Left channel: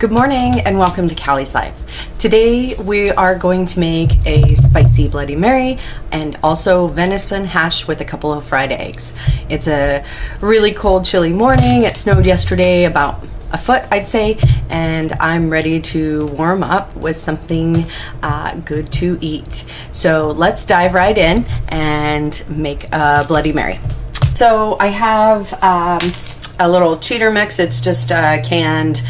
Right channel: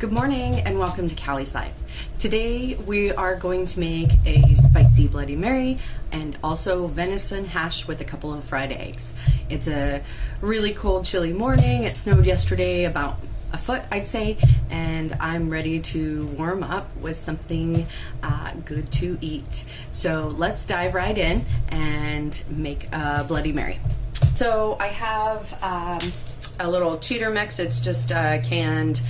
Good morning and welcome to Callie's Life. Today we are going to make a spicy Bloody Mary and also venison hash with a couple of fried eggs. It's a really cold, chilly morning. It snowed yesterday about a foot, I'd say, and I'm ready to warm up with something good to eat. So let's dive right in and make a Bloody Mary. So I have a little cheater mix. It's just a canned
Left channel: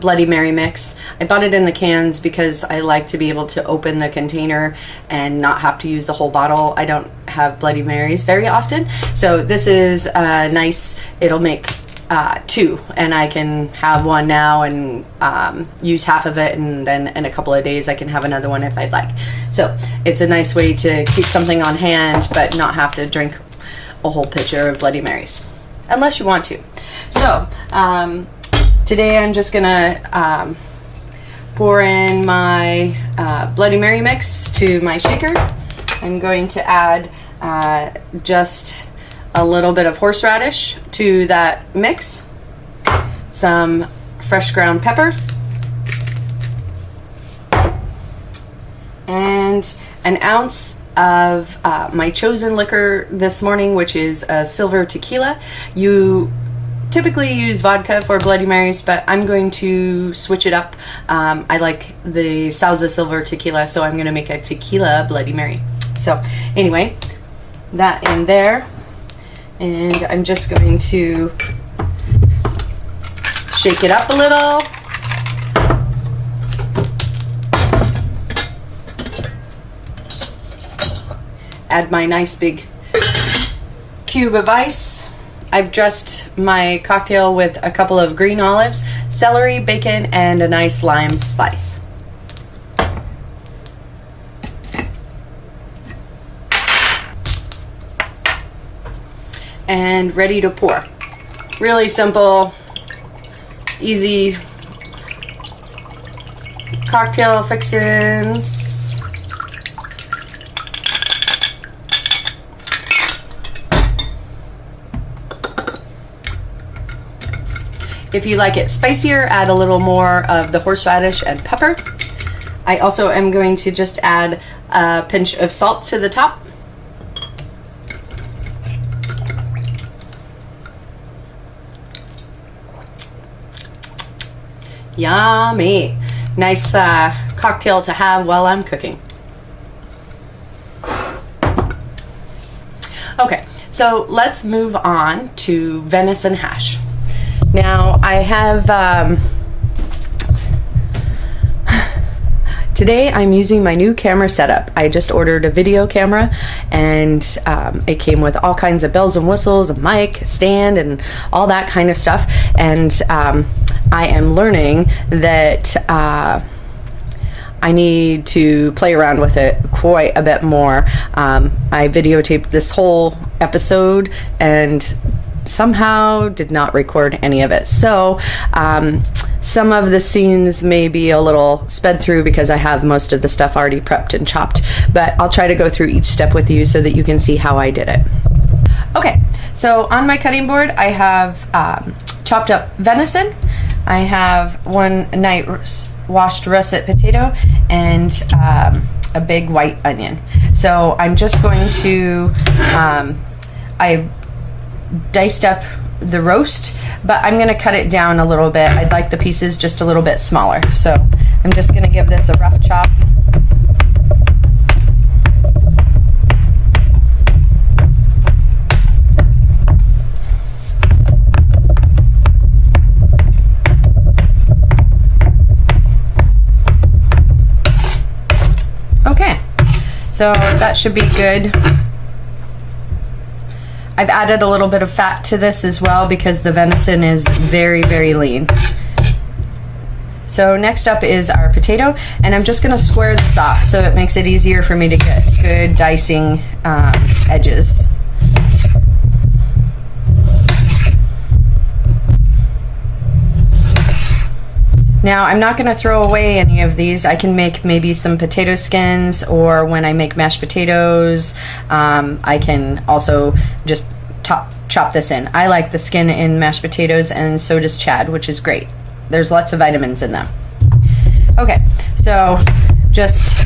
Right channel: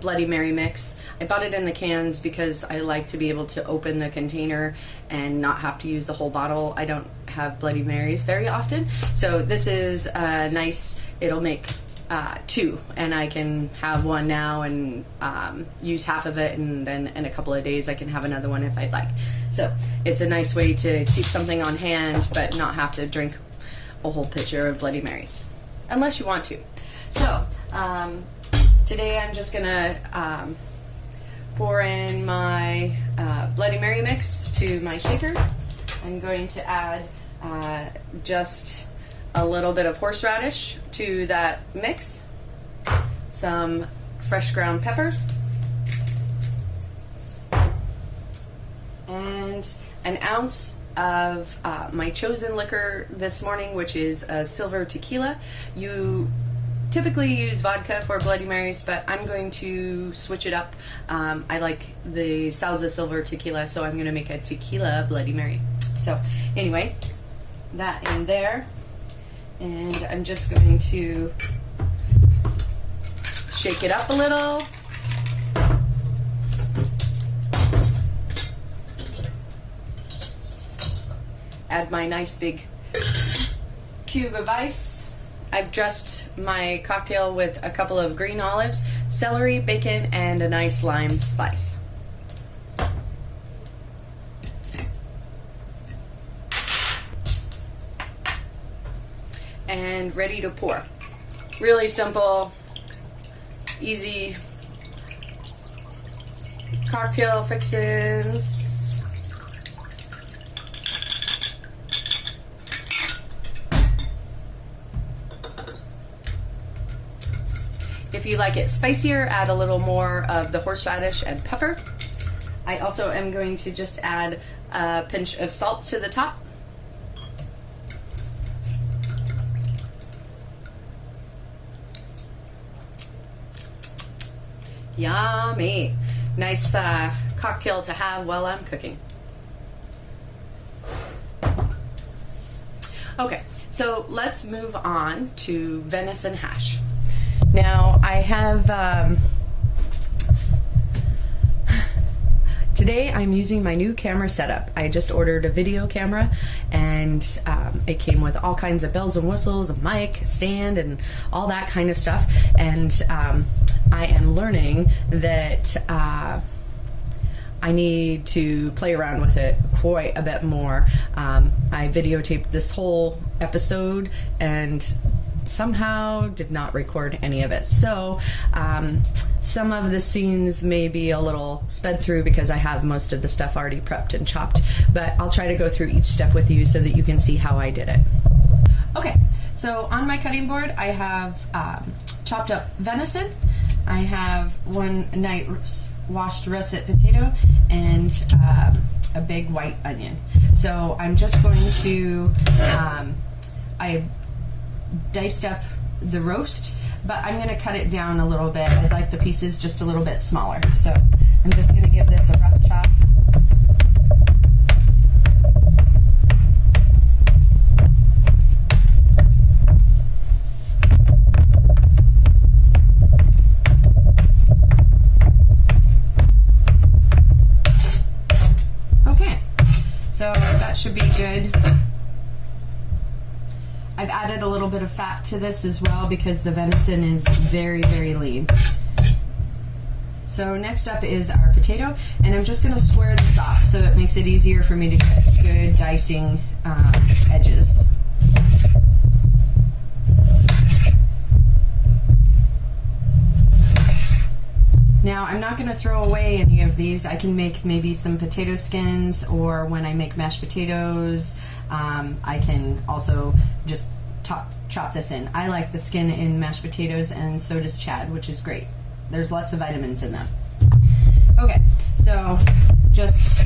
Bloody Mary mix. I bought it in the cans because I like to be able to open the container and not have to use the whole bottle. I don't have Bloody Marys very often, so this is nice. It'll make two, and I can have one now and use half of it, and then in a couple of days I can have another one if I'd like. So it's a nice way to keep something on hand but not have to drink a whole pitcher of Bloody Marys, unless you want to. So today I'm just gonna pour in my Bloody Mary mix to my shaker. I'm going to add just a little bit of horseradish to that mix, some fresh ground pepper, and an ounce of my chosen liquor this morning, which is a silver tequila. You typically use vodka for Bloody Marys, but I'm going to switch it up. I like the Sauza silver tequila, so I'm going to make a tequila Bloody Mary. So anyway, that in there, and I'm just going to shake it up a little. Add my nice big cube of ice. I've dressed my cocktail with a couple of green olives, celery, bacon, and a nice lime slice. And ready to pour. Really simple, easy cocktail fixins. If you like it spicier, add a little more of the horseradish and pepper. I also am going to just add a pinch of salt to the top. Yummy. Nice cocktail to have while I'm cooking. Okay, so let's move on to venison hash. Now I have, today I'm using my new camera setup. I just ordered a video camera, and it came with all kinds of bells and whistles, a mic, stand, and all that kind of stuff. And I am learning that I need to play around with it quite a bit more. I videotaped this whole episode and somehow did not record any of it, so some of the scenes may be a little sped through because I have most of the stuff already prepped and chopped, but I'll try to go through each step with you so that you can see how I did it. Okay, so on my cutting board I have chopped up venison. I have one night washed russet potato and a big white onion. So I'm just going to I diced up the roast, but I'm going to cut it down a little bit. I'd like the pieces just a little bit smaller, so I'm just going to give this a rough chop. Okay, so that should be good. I've added a little bit of fat to this as well because the venison is very, very lean. So next up is our potato, and I'm just gonna square this off so it makes it easier for me to get good dicing edges. Now I'm not gonna throw away any of these. I can make maybe some potato skins, or when I make mashed potatoes, I can also just chop this in. I like the skin in mashed potatoes, and so does Chad, which is great. there's lots of vitamins in them. Okay, so just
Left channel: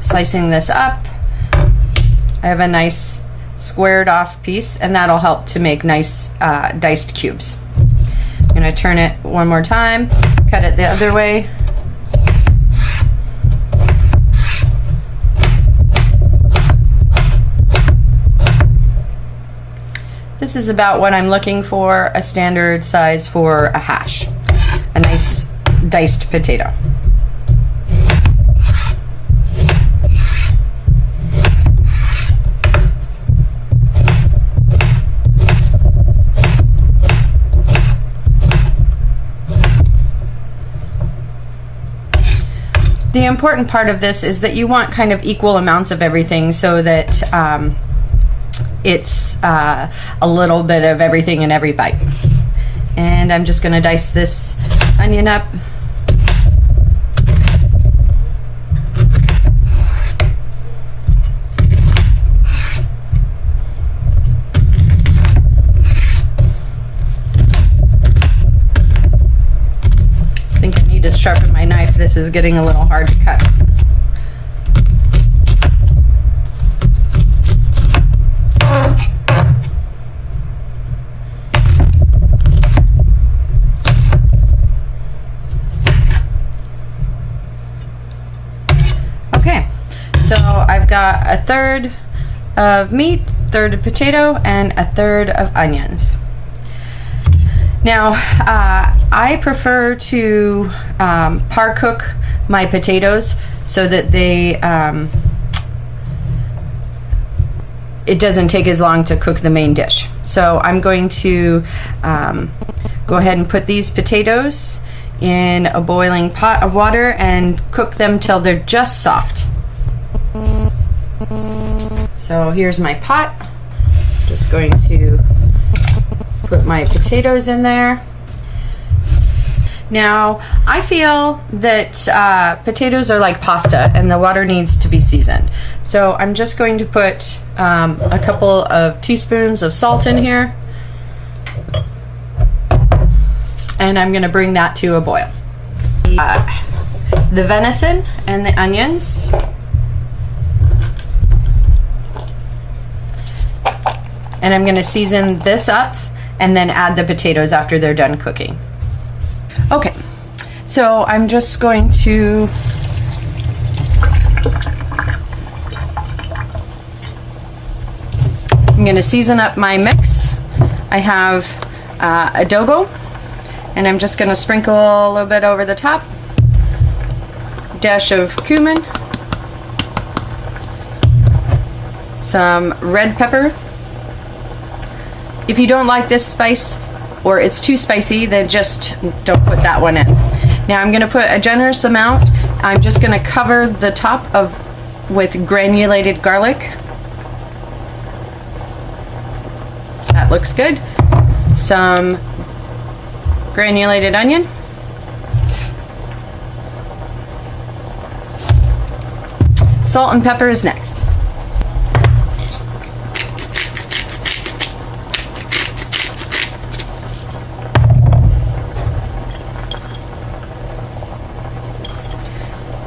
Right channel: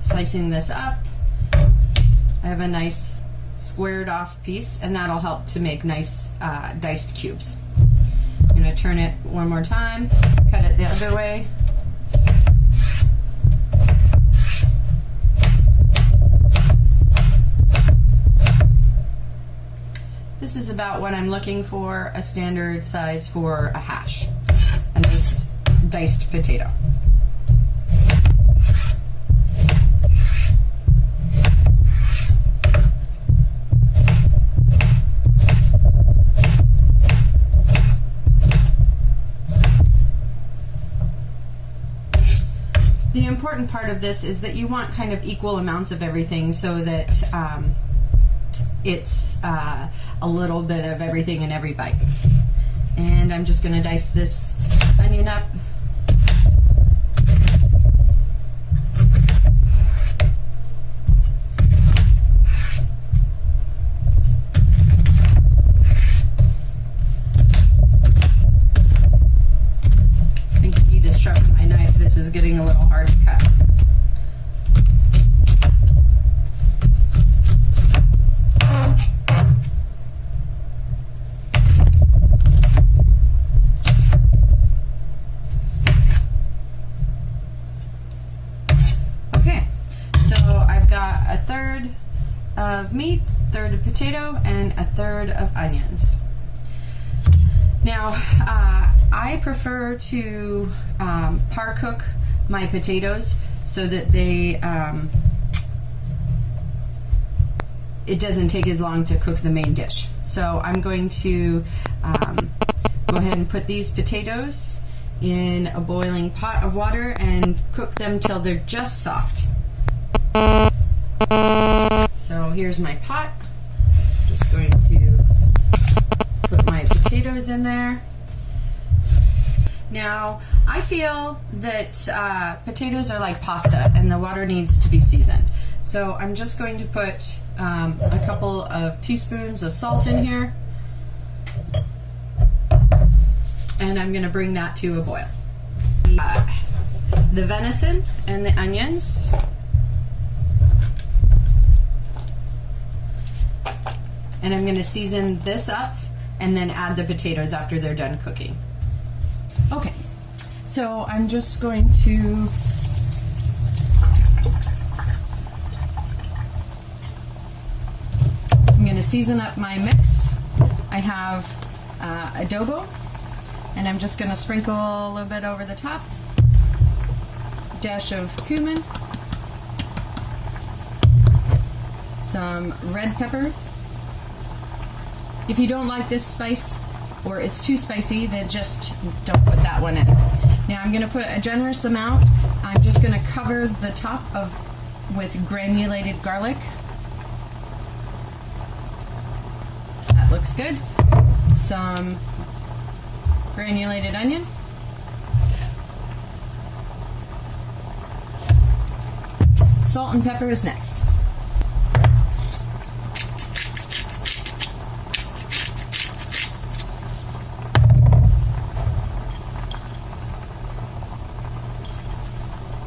slicing this up. I have a nice squared off piece, and that'll help to make nice diced cubes. I'm gonna turn it one more time, cut it the other way. This is about what I'm looking for, a standard size for a hash. A nice diced potato. The important part of this is that you want kind of equal amounts of everything so that it's a little bit of everything in every bite. And I'm just going to dice this onion up. I think I need to sharpen my knife. This is getting a little hard to cut. Okay, so I've got a third of meat, third of potato, and a third of onions. Now, I prefer to par cook my potatoes so that they it doesn't take as long to cook the main dish. So I'm going to go ahead and put these potatoes in a boiling pot of water and cook them till they're just soft. So here's my pot. Just going to put my potatoes in there. Now, I feel that potatoes are like pasta and the water needs to be seasoned. So I'm just going to put a couple of teaspoons of salt in here. And I'm going to bring that to a boil. The venison and the onions. And I'm going to season this up and then add the potatoes after they're done cooking. Okay, so I'm just going to season up my mix. I have adobo, and I'm just going to sprinkle a little bit over the top. Dash of cumin, some red pepper. If you don't like this spice or it's too spicy, then just don't put that one in. Now I'm going to put a generous amount. I'm just going to cover the top with granulated garlic. That looks good. Some granulated onion. Salt and pepper is next.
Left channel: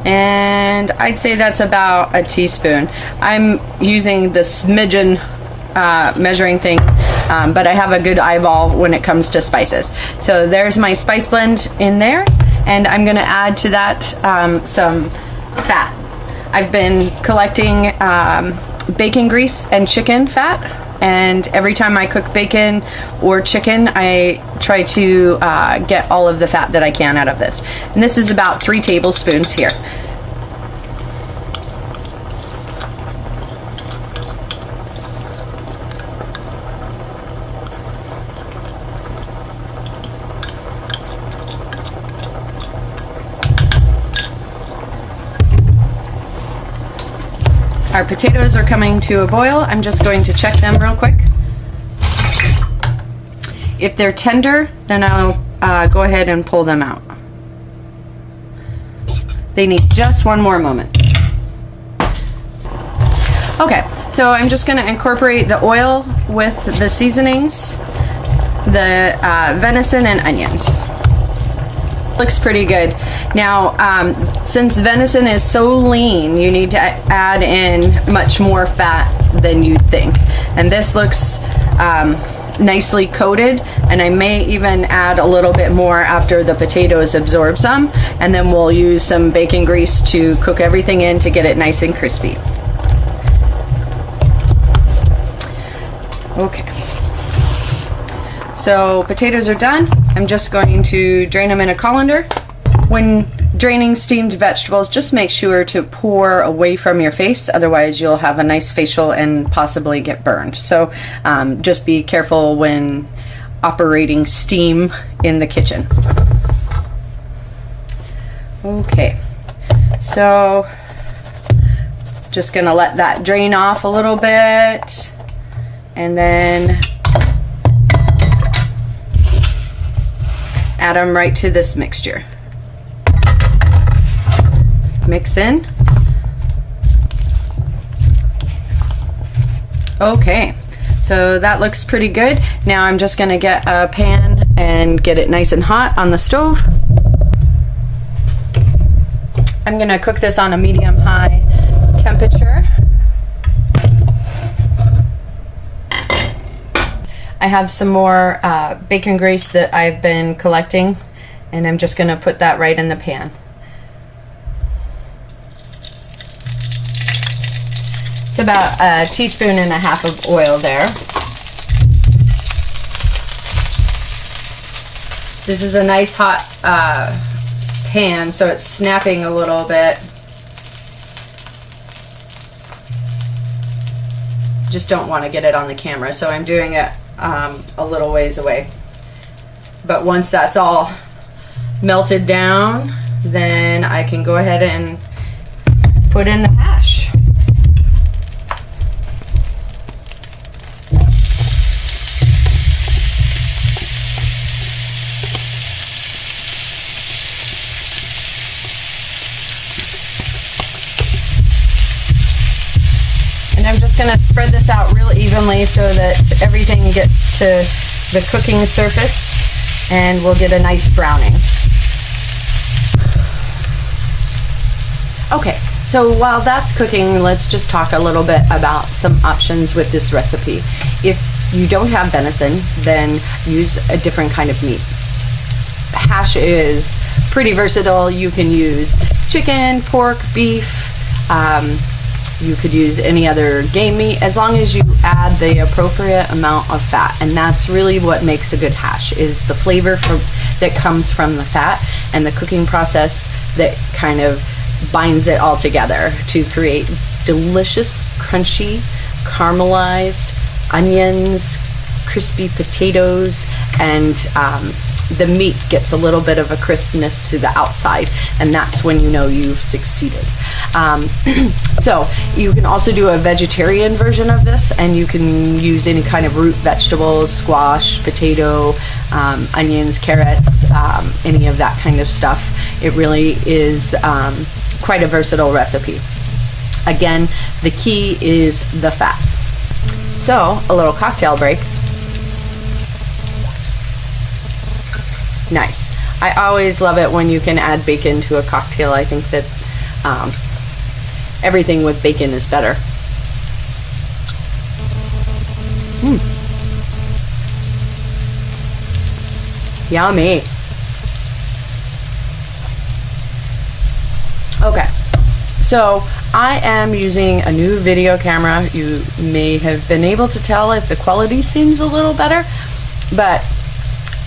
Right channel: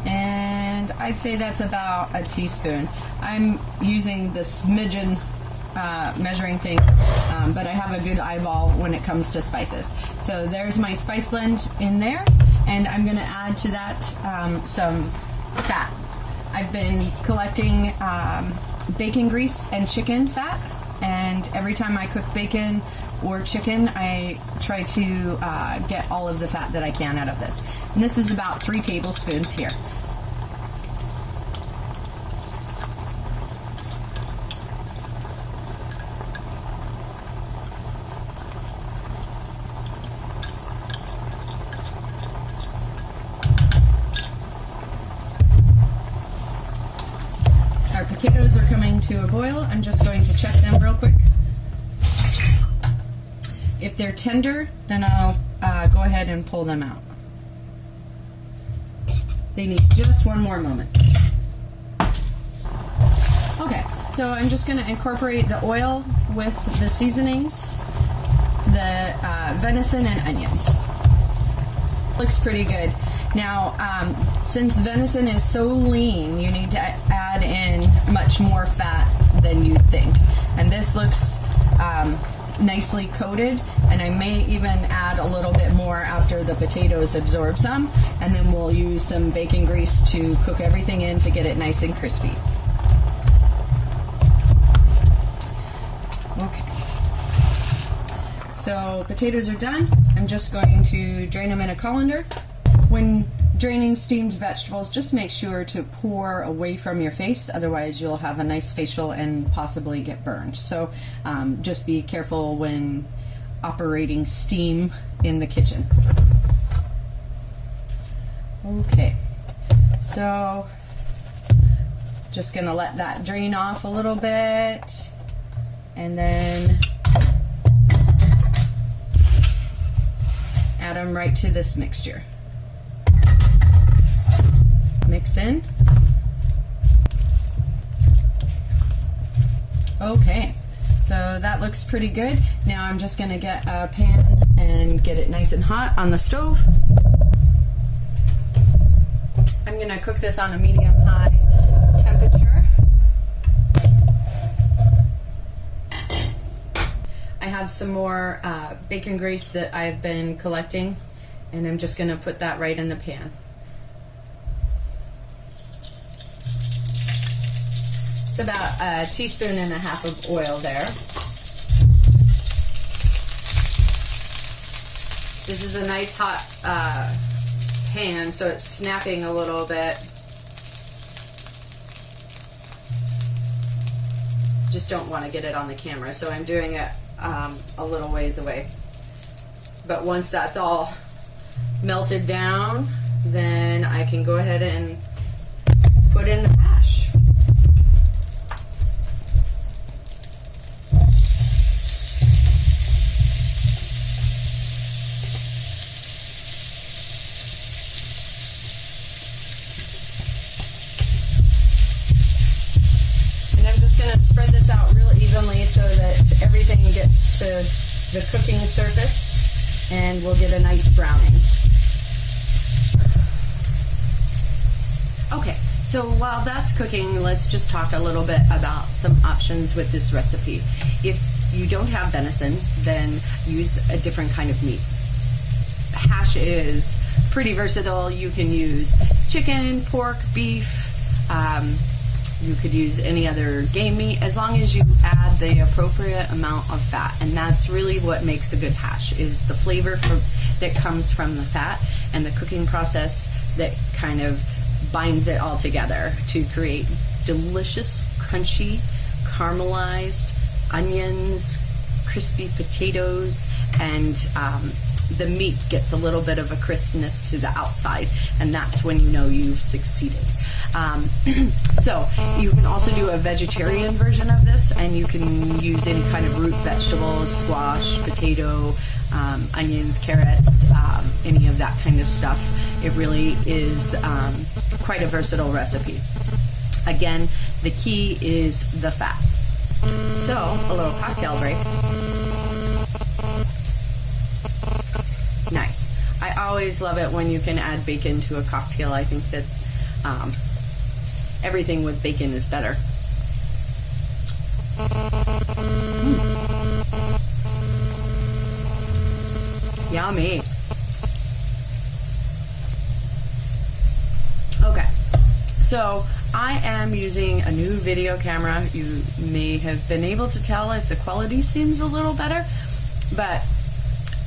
And I'd say that's about a teaspoon. I'm using the smidgen measuring thing, but I have a good eyeball when it comes to spices. So there's my spice blend in there, and I'm going to add to that some fat. I've been collecting bacon grease and chicken fat, and every time I cook bacon or chicken, I try to get all of the fat that I can out of this. And this is about 3 tablespoons here. Our potatoes are coming to a boil. I'm just going to check them real quick. If they're tender, then I'll go ahead and pull them out. They need just one more moment. Okay, So I'm just going to incorporate the oil with the seasonings, the venison and onions. Looks pretty good. Now, since venison is so lean, you need to add in much more fat than you'd think. And this looks nicely coated, and I may even add a little bit more after the potatoes absorb some, and then we'll use some bacon grease to cook everything in to get it nice and crispy. Okay. So potatoes are done. I'm just going to drain them in a colander. When draining steamed vegetables, just make sure to pour away from your face, otherwise you'll have a nice facial and possibly get burned. So just be careful when operating steam in the kitchen. Okay, so just gonna let that drain off a little bit, and then add them right to this mixture. Mix in. Okay, so that looks pretty good. Now I'm just gonna get a pan and get it nice and hot on the stove. I'm gonna cook this on a medium-high temperature. I have some more bacon grease that I've been collecting, and I'm just gonna put that right in the pan. It's about 1.5 teaspoons of oil there. This is a nice hot pan, so it's snapping a little bit. Just don't want to get it on the camera, so I'm doing it a little ways away. But once that's all melted down, then I can go ahead and put in the hash. And I'm just going to spread this out real evenly so that everything gets to the cooking surface, and we'll get a nice browning. Okay, so while that's cooking, let's just talk a little bit about some options with this recipe. If you don't have venison, then use a different kind of meat. Hash is pretty versatile. You can use chicken, pork, beef, you could use any other game meat, as long as you add the appropriate amount of fat. And that's really what makes a good hash, is the flavor that comes from the fat, and the cooking process that kind of binds it all together to create delicious, crunchy, caramelized onions, crispy potatoes, and the meat gets a little bit of a crispness to the outside, and that's when you know you've succeeded. So you can also do a vegetarian version of this, and you can use any kind of root vegetables, squash, potato, onions, carrots, any of that kind of stuff. It really is quite a versatile recipe. Again, the key is the fat. So a little cocktail break. Nice. I always love it when you can add bacon to a cocktail. I think that everything with bacon is better. Yummy. Okay, so I am using a new video camera. You may have been able to tell if the quality seems a little better, but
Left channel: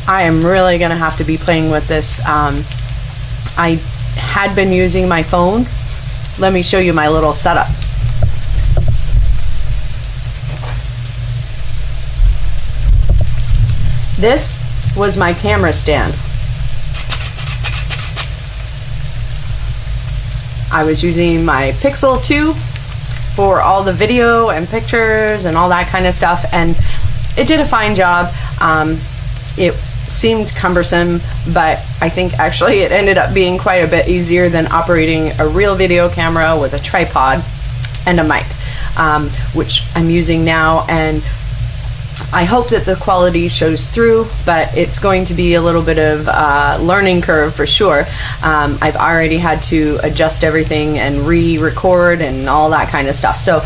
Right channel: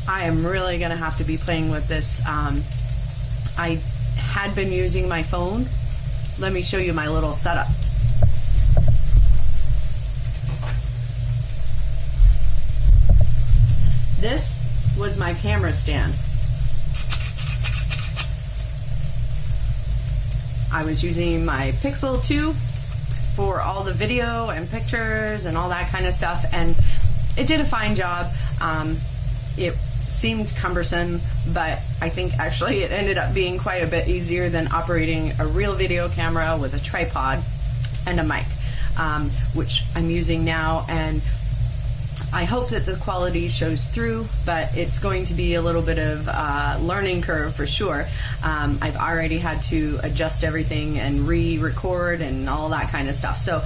I am really gonna have to be playing with this. I had been using my phone. Let me show you my little setup. This was my camera stand. I was using my Pixel 2 for all the video and pictures and all that kind of stuff, and it did a fine job. It seemed cumbersome, but I think actually it ended up being quite a bit easier than operating a real video camera with a tripod and a mic. which I'm using now, and I hope that the quality shows through, but it's going to be a little bit of a learning curve for sure. I've already had to adjust everything and re-record and all that kind of stuff. So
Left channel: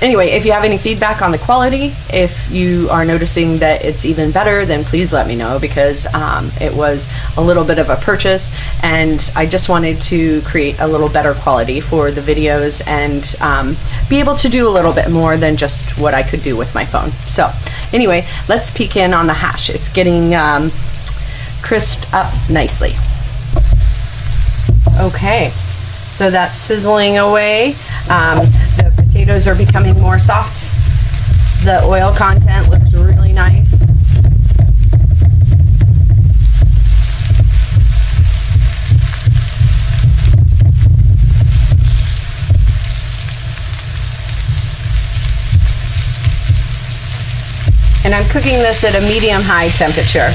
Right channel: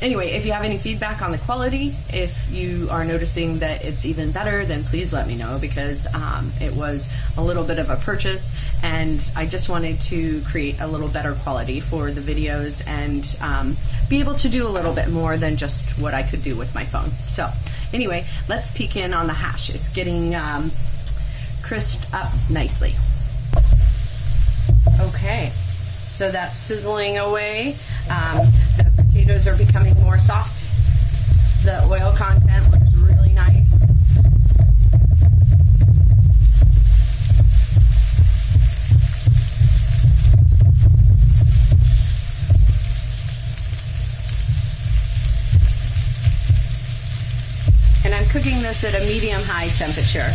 anyway, if you have any feedback on the quality, if you are noticing that it's even better, then please let me know, because it was a little bit of a purchase, and I just wanted to create a little better quality for the videos and be able to do a little bit more than just what I could do with my phone. So anyway, let's peek in on the hash. It's getting crisped up nicely. Okay, so that's sizzling away. The potatoes are becoming more soft. The oil content looks really nice. And I'm cooking this at a medium-high temperature.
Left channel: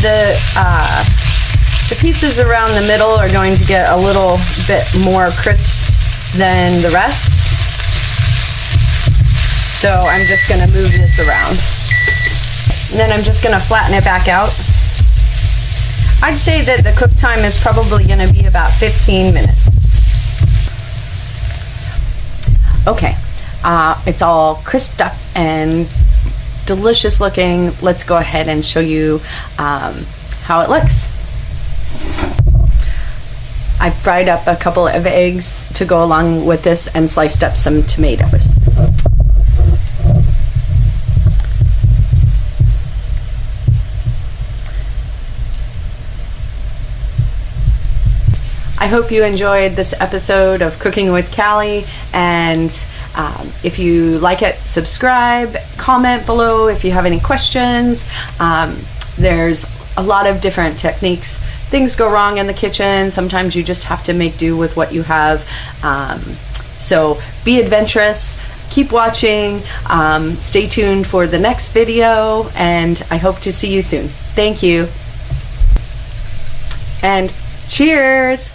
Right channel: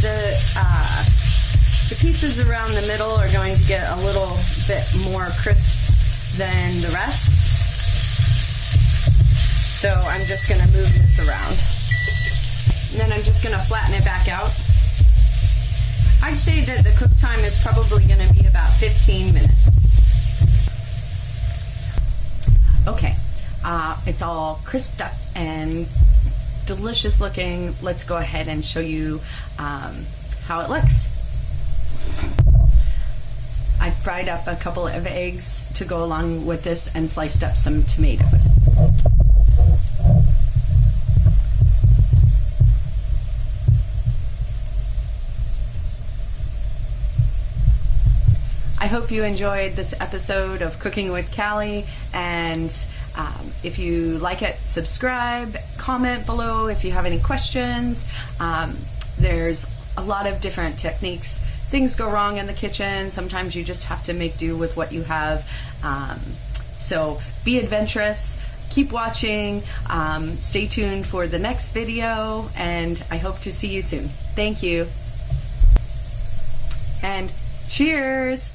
The pieces around the middle are going to get a little bit more crisp than the rest. So I'm just going to move this around. And then I'm just going to flatten it back out. I'd say that the cook time is probably going to be about 15 minutes. Okay, it's all crisped up and delicious looking. Let's go ahead and show you how it looks. I fried up a couple of eggs to go along with this and sliced up some tomatoes. I hope you enjoyed this episode of Cooking with Callie, and if you like it, subscribe, comment below if you have any questions. There's a lot of different techniques. Things go wrong in the kitchen. Sometimes you just have to make do with what you have. So be adventurous, keep watching, stay tuned for the next video, and I hope to see you soon. Thank you. And cheers!